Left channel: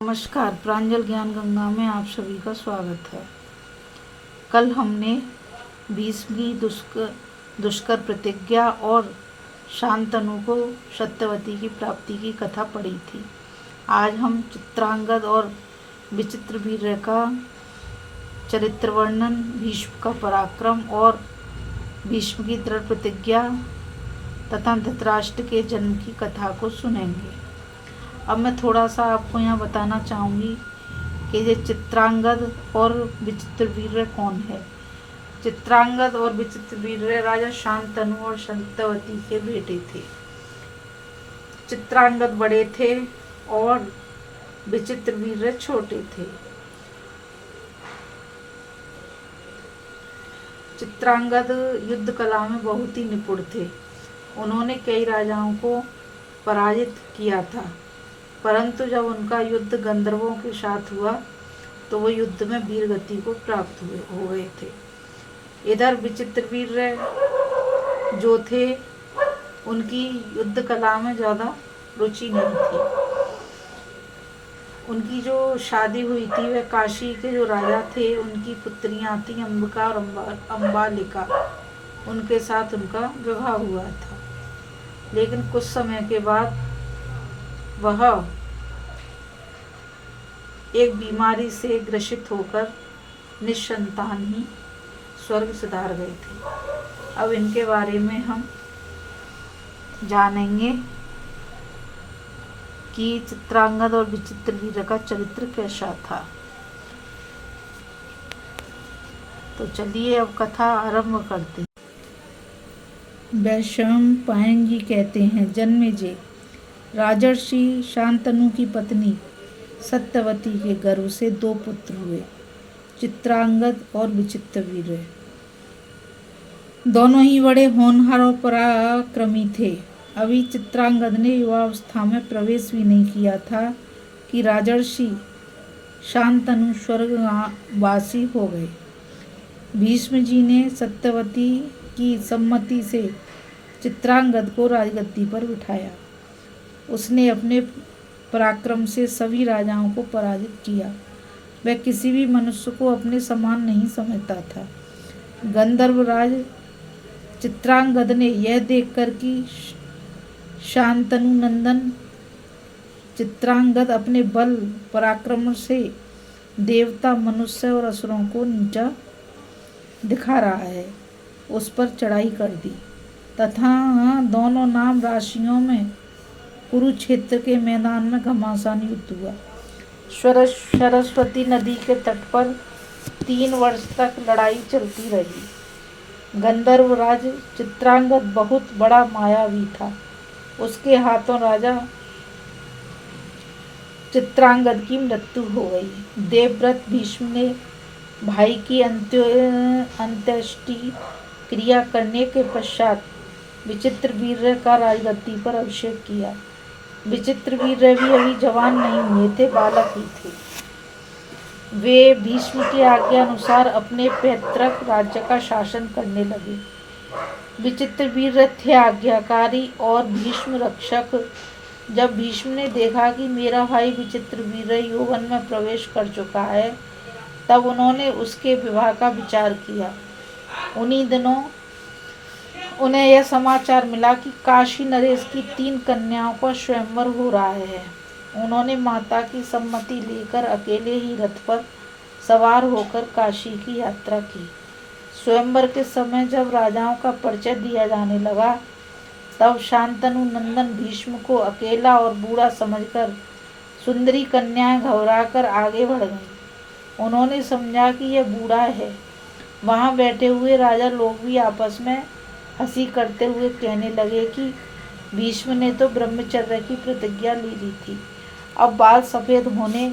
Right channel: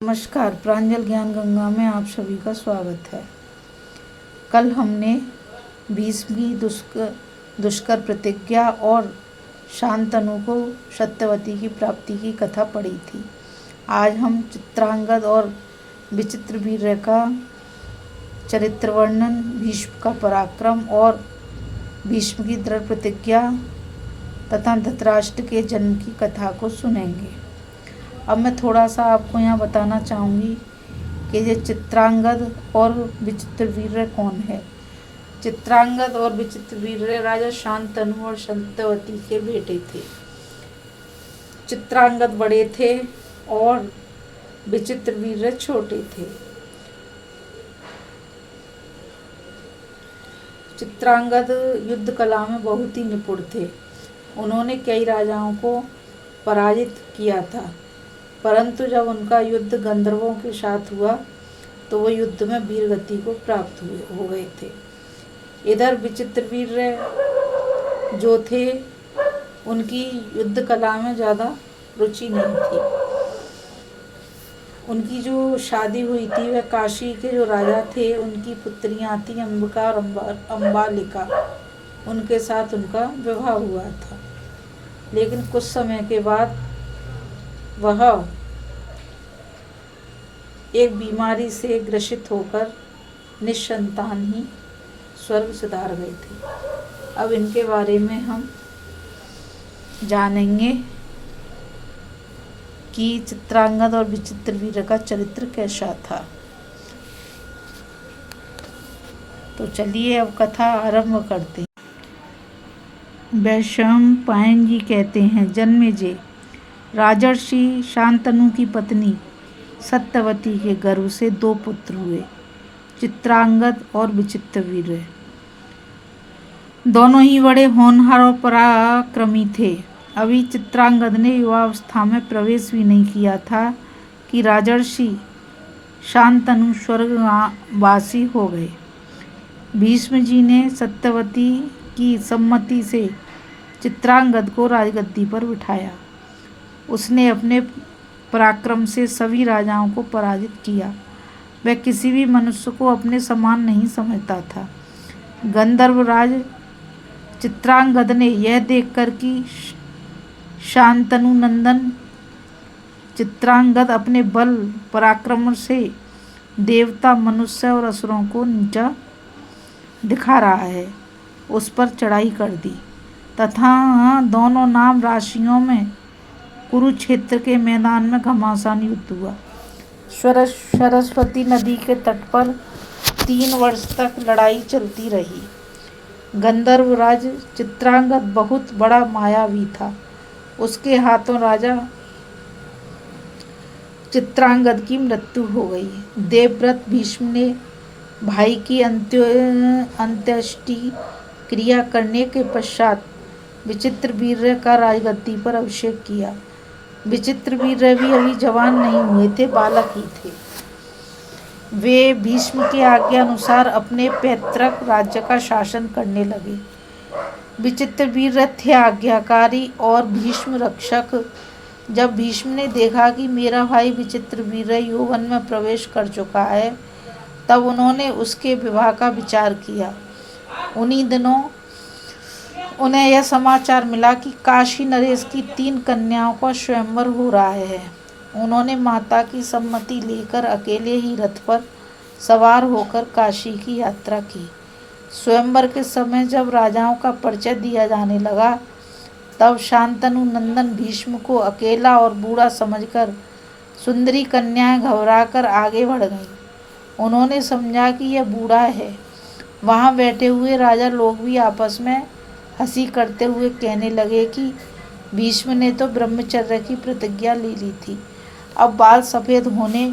नमस्कार, प्रांजल ज्ञान गंगा में आप सभी का स्वागत है। कल हमने 20वीं दुष्कर प्रतिज्ञा और शांतनु को सत्यवती की प्राप्ति की कथा पढ़ी थी। आज हम चित्रांगद और विचित्रवीर्य का चरित्र वर्णन, भीष्म का पराक्रम और भीष्म की दृढ़ प्रतिज्ञा तथा धृतराष्ट्र के जन्म की कथा को सुनेंगे। अब मैं थोड़ा सा आपको यहाँ बताना चाहूँगी कि ये चित्रांगद और विचित्रवीर्य कौन है। चित्रांगद और विचित्रवीर्य राजा शांतनु और सत्यवती के बेटे थे। चित्रांगद बड़े थे और विचित्रवीर्य छोटे थे। चित्रांगद युद्ध कला में बहुत ही निपुण थे। उन्होंने कई राजाओं को पराजित किया था, परंतु जब उनका युद्ध गंधर्वों के साथ हुआ तो वो युद्ध में वीरगति को प्राप्त हो गए थे। इधर विचित्रवीर्य जो थे, उनकी युद्ध कला में ज़्यादा रुचि नहीं थी। उनकी जो शादी हुई थी वह काशी के जो राजा थे उनकी पुत्रियां थी अंबिका और अम्बालिका, उनके साथ उनका विवाह हुआ था। लेकिन कुछ समय के बाद वह एक बीमारी से ग्रसित होकर निसंतान ही स्वर्ग सिधार गए थे। अब इनके बारे में हम जानेंगे कि चित्रांगद और विचित्रवीर्य का चरित्र कैसा था। तो चलिए अब कथा आरंभ करते हैं। वैशंपायन जी कहते हैं, जन्मेजय, राजर्षि शांतनु की पत्नी सत्यवती के गर्भ से 2 पुत्र हुए, चित्रांगद और विचित्रवीर्य। दोनों ही बड़े होनहार और पराक्रमी थे। अभी चित्रांगद ने युवावस्था में प्रवेश भी नहीं किया था कि राजर्षि शांतनु स्वर्गवासी हो गए। भीष्म जी ने सत्यवती की सम्मति से चित्रांगद को राजगद्दी पर बिठाया। उसने अपने पराक्रम से सभी राजाओं को पराजित किया। वह किसी भी मनुष्य को अपने समान नहीं समझता था। गंधर्वराज चित्रांगद ने यह देखकर कि शांतनु नंदन चित्रांगद अपने बल पराक्रम से देवता, मनुष्य और असुरों को नीचा दिखा रहा है, उस पर चढ़ाई कर दी तथा दोनों नाम राशियों में कुरुक्षेत्र के मैदान में घमासान युद्ध हुआ। सरस्वती नदी के तट पर 3 वर्ष तक लड़ाई चलती रही। गंधर्वराज चित्रांगद बहुत बड़ा मायावी था। उसके हाथों राजा चित्रांगद की मृत्यु हो गई। देवव्रत भीष्म ने भाई की अंत्येष्टि क्रिया करने के पश्चात विचित्रवीर्य का राजगद्दी पर अभिषेक किया। विचित्रवीर्य भी अभी जवान नहीं हुए थे, बालक ही थे। वे भीष्म की आज्ञा अनुसार अपने पैतृक राज्य का शासन करने लगे। विचित्रवीर्य थे आज्ञाकारी और भीष्म रक्षक। जब भीष्म ने देखा कि मेरा भाई विचित्रवीर्य यौवन में प्रवेश कर चुका है, तब उन्होंने उसके विवाह का विचार किया। उन्हीं दिनों उन्हें यह समाचार मिला कि काशी नरेश की 3 कन्याओं को स्वयंवर हो रहा है। उन्होंने माता की सम्मति लेकर अकेले ही रथ पर सवार होकर काशी की यात्रा की। स्वयंवर के समय जब राजाओं का परिचय दिया जाने लगा, तब शांतनु नंदन भीष्म को अकेला और बूढ़ा समझकर सुंदरी कन्याएं घबराकर आगे बढ़ गईं। उन्होंने समझा कि यह बूढ़ा है। वहां बैठे हुए राजा लोग भी आपस में हंसी करते हुए कहने लगे कि भीष्म ने तो ब्रह्मचर्य की प्रतिज्ञा ले ली थी, अब बाल सफ़ेद होने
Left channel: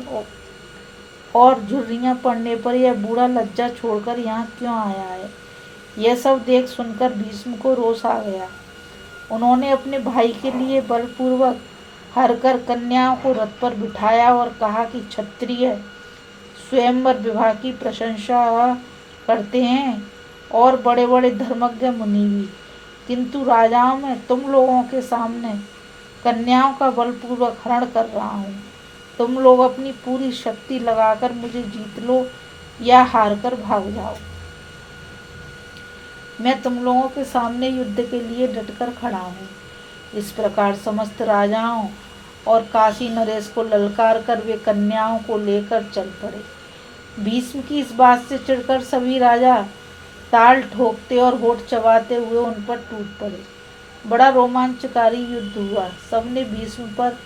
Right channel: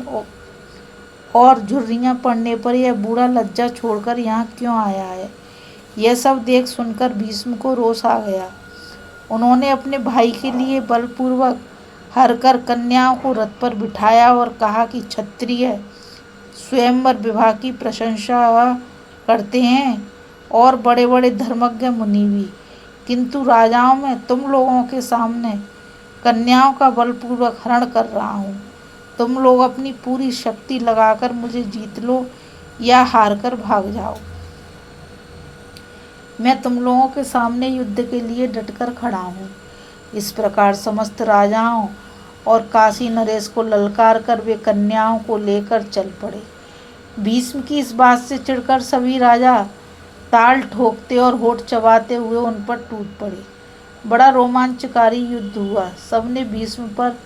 और झुर्रियाँ पड़ने पर यह बूढ़ा लज्जा छोड़कर यहाँ क्यों आया है। यह सब देख सुनकर भीष्म को रोष आ गया। उन्होंने अपने भाई के लिए बलपूर्वक हरकर कन्याओं को रथ पर बिठाया और कहा कि क्षत्रिय स्वयंवर विवाह की प्रशंसा करते हैं और बड़े बड़े धर्मज्ञ मुनि भी, किंतु राजाओं में तुम लोगों के सामने कन्याओं का बलपूर्वक हरण कर रहा हूँ। तुम लोग अपनी पूरी शक्ति लगाकर मुझे जीत लो या हार कर भाग जाओ। मैं तुम लोगों के सामने युद्ध के लिए डटकर खड़ा हूँ। इस प्रकार समस्त राजाओं और काशी नरेश को ललकार कर वे कन्याओं को लेकर चल पड़े। भीष्म की इस बात से चिढ़कर सभी राजा ताल ठोकते और होठ चबाते हुए उन पर टूट पड़े। बड़ा रोमांचकारी युद्ध हुआ। सबने भीष्म पर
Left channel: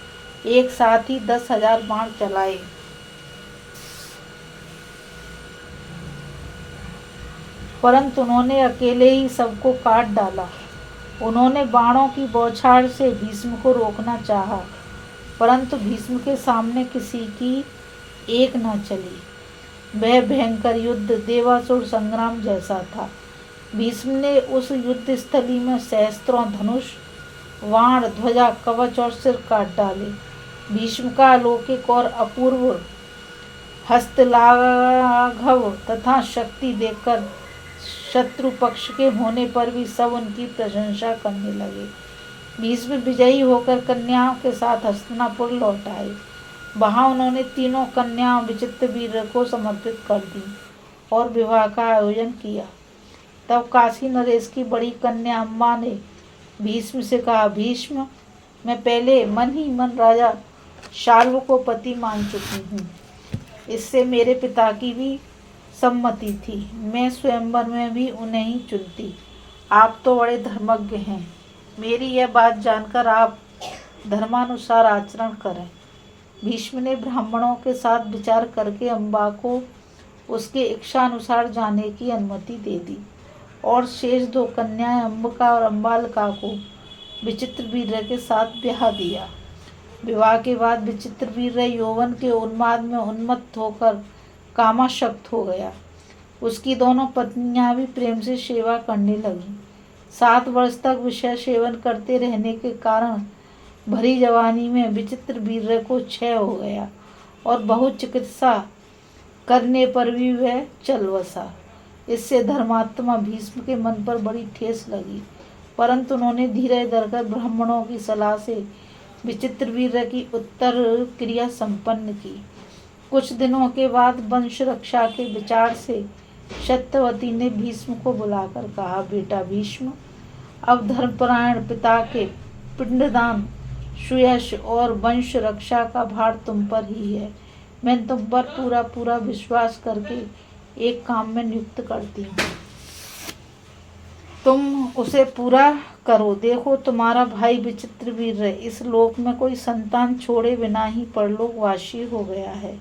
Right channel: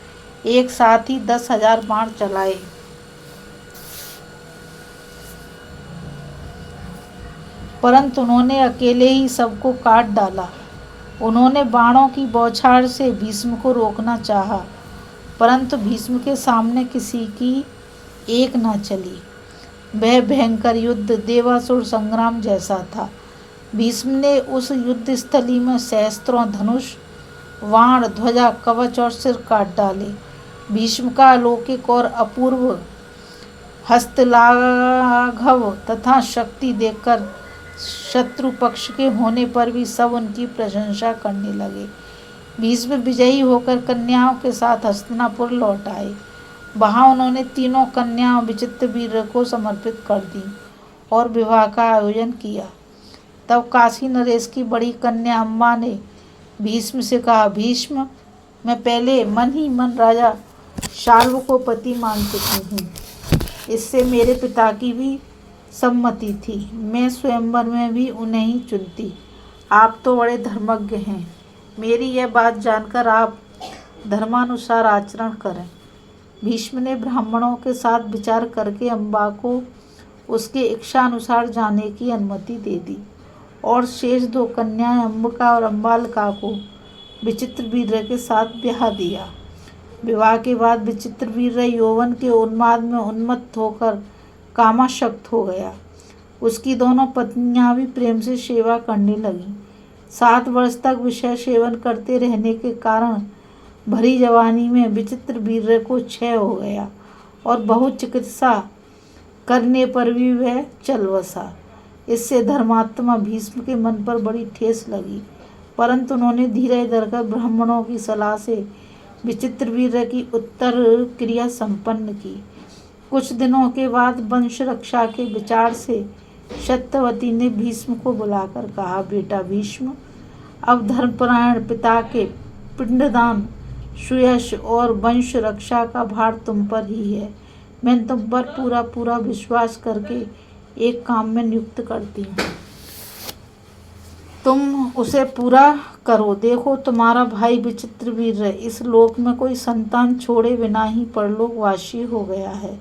एक साथ ही 10,000 बाण चलाए। परंतु उन्होंने अकेले ही सबको काट डाला। उन्होंने बाणों की बौछार से भीष्म को रोकना चाहा, परंतु भीष्म के सामने किसी की एक न चली। वह भयंकर युद्ध देवासुर संग्राम जैसा था। भीष्म ने उस युद्ध स्थली में सहस्त्रों धनुष, बाण, ध्वजा, कवच और सिर काट डाले। भीष्म का अलौकिक और अपूर्व हस्तलाघव तथा शक्ति देखकर शत्रु पक्ष के होने पर भी सब उनकी प्रशंसा करने लगे। भीष्म विजयी होकर कन्याओं के साथ हस्तिनापुर लौट आए। वहां उन्होंने तीनों कन्याओं विचित्रवीर्य को समर्पित कर दी और विवाह का आयोजन किया। तब काशी नरेश की बड़ी कन्या अम्बा ने भीष्म से कहा, भीष्म, मैं पहले मन ही मन राजा शाल्व को पति मान चुकी हूँ। इससे मेरे पिता की भी सम्मति थी। मैं स्वयंवर में भी उन्हें ही चुनती। आप तो बड़े धर्मज्ञ हैं। मेरी यह बात जानकर आप धर्मानुसार आचरण करें। भीष्म ने ब्राह्मणों के साथ विचार करके अम्बा को उसके इच्छानुसार जाने की अनुमति दे दी और शेष 2 कन्याएं अम्बिका और अम्बालिका को विचित्रवीर्य के साथ ब्याह दिया। विवाह के बाद विचित्रवीर्य यौवन के उन्माद में उन्मत्त होकर कामाशक्त हो गया। उसकी दोनों पत्नियां भी प्रेम से सेवा करने लगीं। 7 वर्ष तक विषय सेवन करते रहने के कारण भरी जवानी में विचित्रवीर्य को क्षय हो गया और बहुत चिकित्सा करने पर भी वह चल बसा। इससे धर्मात्मा भीष्म के मन पर बड़ी ठेस लगी, परंतु उन्होंने धीरज धरकर ब्राह्मणों की सलाह से विचित्रवीर्य की उत्तर क्रिया संपन्न की। कुछ दिनों के बाद वंश रक्षा के विचार से सत्यवती ने भीष्म को बुलाकर कहा, बेटा भीष्म, अब धर्मपरायण पिता के पिंडदान, सुयश और वंश रक्षा का भार तुम पर ही है। मैं तुम पर पूरा पूरा विश्वास करके एक काम में नियुक्त करती हूँ। तुम उसे पूरा करो। देखो, तुम्हारा भाई विचित्रवीर्य इस लोक में कोई संतान छोड़े बिना ही परलोकवासी हो गया है।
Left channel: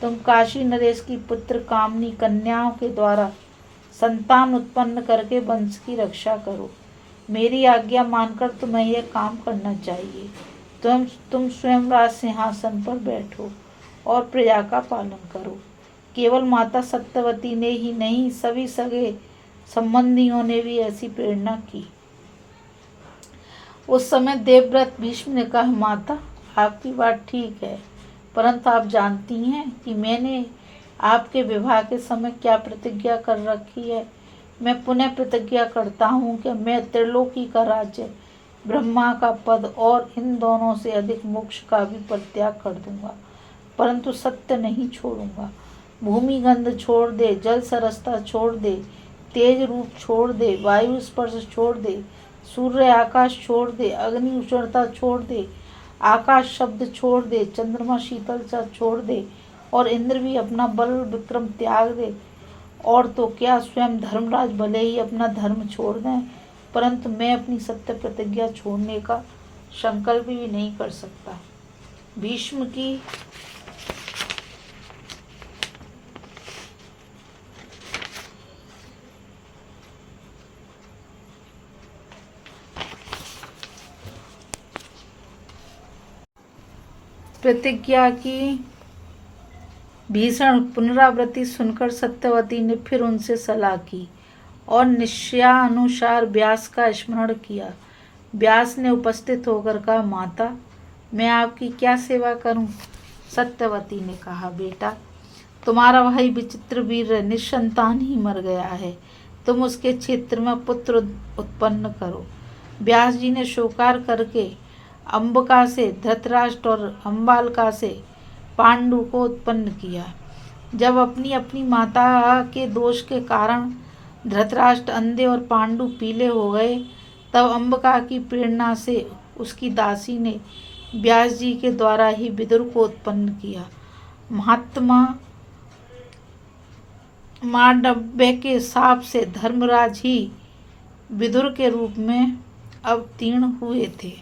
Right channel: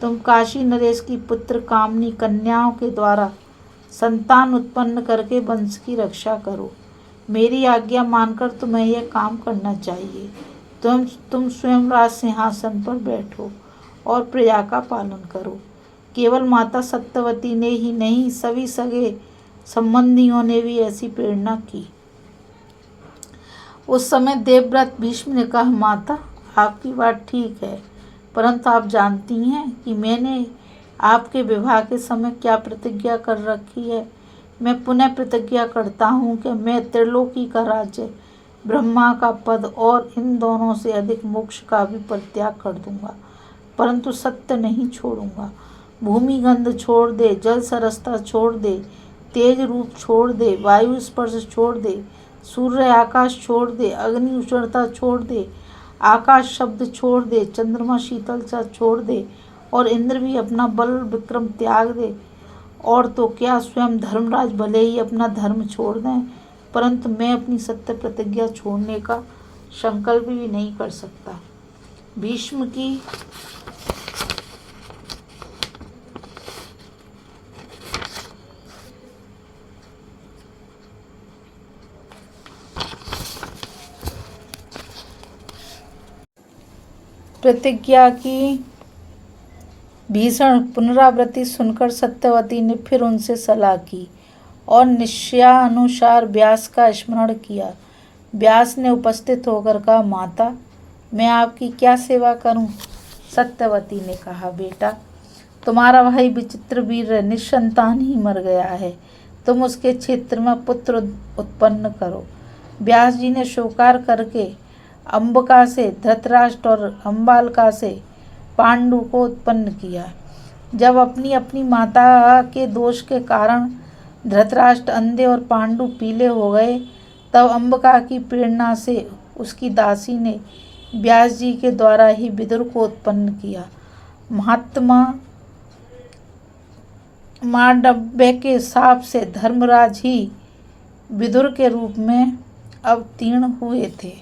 तुम काशी नरेश की पुत्र कामनी कन्याओं के द्वारा संतान उत्पन्न करके वंश की रक्षा करो। मेरी आज्ञा मानकर तुम्हें यह काम करना चाहिए। तुम स्वयं राज सिंहासन पर बैठो और प्रजा का पालन करो। केवल माता सत्यवती ने ही नहीं, सभी सगे संबंधियों ने भी ऐसी प्रेरणा की। उस समय देवव्रत भीष्म ने कहा, माता, आपकी बात ठीक है, परंतु आप जानती हैं कि मैंने आपके विवाह के समय क्या प्रतिज्ञा कर रखी है। मैं पुनः प्रतिज्ञा करता हूँ कि मैं त्रिलोकी का राज्य, ब्रह्मा का पद और इन दोनों से अधिक मोक्ष का भी परित्याग कर दूंगा, परंतु सत्य नहीं छोड़ूंगा। भूमि गंध छोड़ दे, जल सरसता छोड़ दे, तेज रूप छोड़ दे, वायु स्पर्श छोड़ दे, सूर्य आकाश छोड़ दे, अग्नि उष्णता छोड़ दे, आकाश शब्द छोड़ दे, चंद्रमा शीतलता छोड़ दे और इंद्र भी अपना बल विक्रम त्याग दे। और तो क्या, स्वयं धर्मराज भले ही अपना धर्म छोड़ दें, परंतु मैं अपनी सत्य प्रतिज्ञा छोड़ने का संकल्प भी नहीं कर सकता। भीष्म की प्रतिज्ञा की भीषण पुनरावृत्ति सुनकर सत्यवती ने फिर उनसे सलाह की और निश्चयानुसार व्यास का स्मरण किया। व्यास ने उपस्थित होकर कहा, माता, मैं आपकी क्या सेवा करूं? सत्यवती ने कहा, बेटा, तुम्हारा भाई विचित्रवीर्य निसंतान ही मर गया है। तुम उसके क्षेत्र में पुत्र उत्पन्न करो। व्यास जी ने स्वीकार करके अम्बिका से धृतराष्ट्र और अम्बालिका से पांडु को उत्पन्न किया। जब अपनी अपनी माता के दोष के कारण धृतराष्ट्र अंधे और पांडु पीले हो गए, तब अंबिका की प्रेरणा से उसकी दासी ने व्यास जी के द्वारा ही विदुर को उत्पन्न किया। महात्मा मांडव्य के शाप से धर्मराज ही विदुर के रूप में अवतीर्ण हुए थे।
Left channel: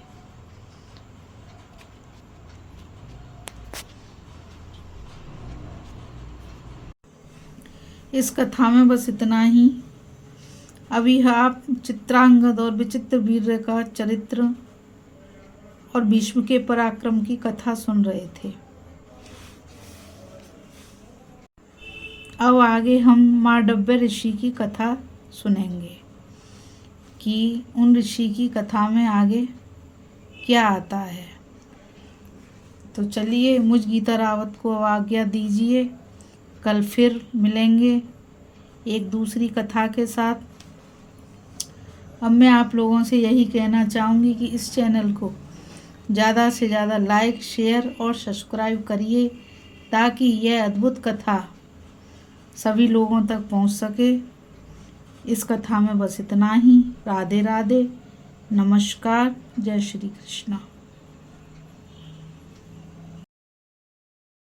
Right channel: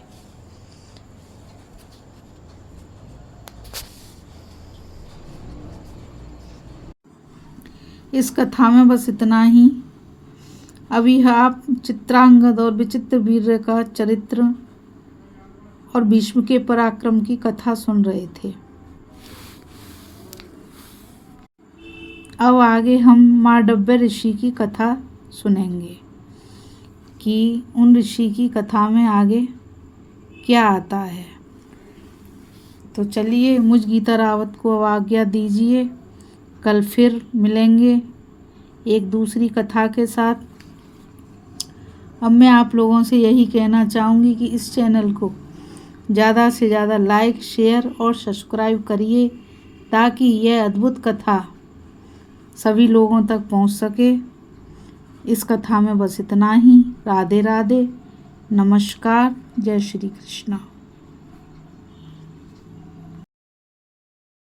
इस कथा में बस इतना ही। अभी आप चित्रांगद और विचित्रवीर्य का चरित्र और भीष्म के पराक्रम की कथा सुन रहे थे। अब आगे हम मांडव्य ऋषि की कथा सुनेंगे कि उन ऋषि की कथा में आगे क्या आता है। तो चलिए, मुझ गीता रावत को अब आज्ञा दीजिए। कल फिर मिलेंगे एक दूसरी कथा के साथ। अब मैं आप लोगों से यही कहना चाहूँगी कि इस चैनल को ज़्यादा से ज़्यादा लाइक, शेयर और सब्सक्राइब करिए, ताकि यह अद्भुत कथा सभी लोगों तक पहुंच सके। इस कथा में बस इतना ही। राधे राधे, नमस्कार, जय श्री कृष्ण।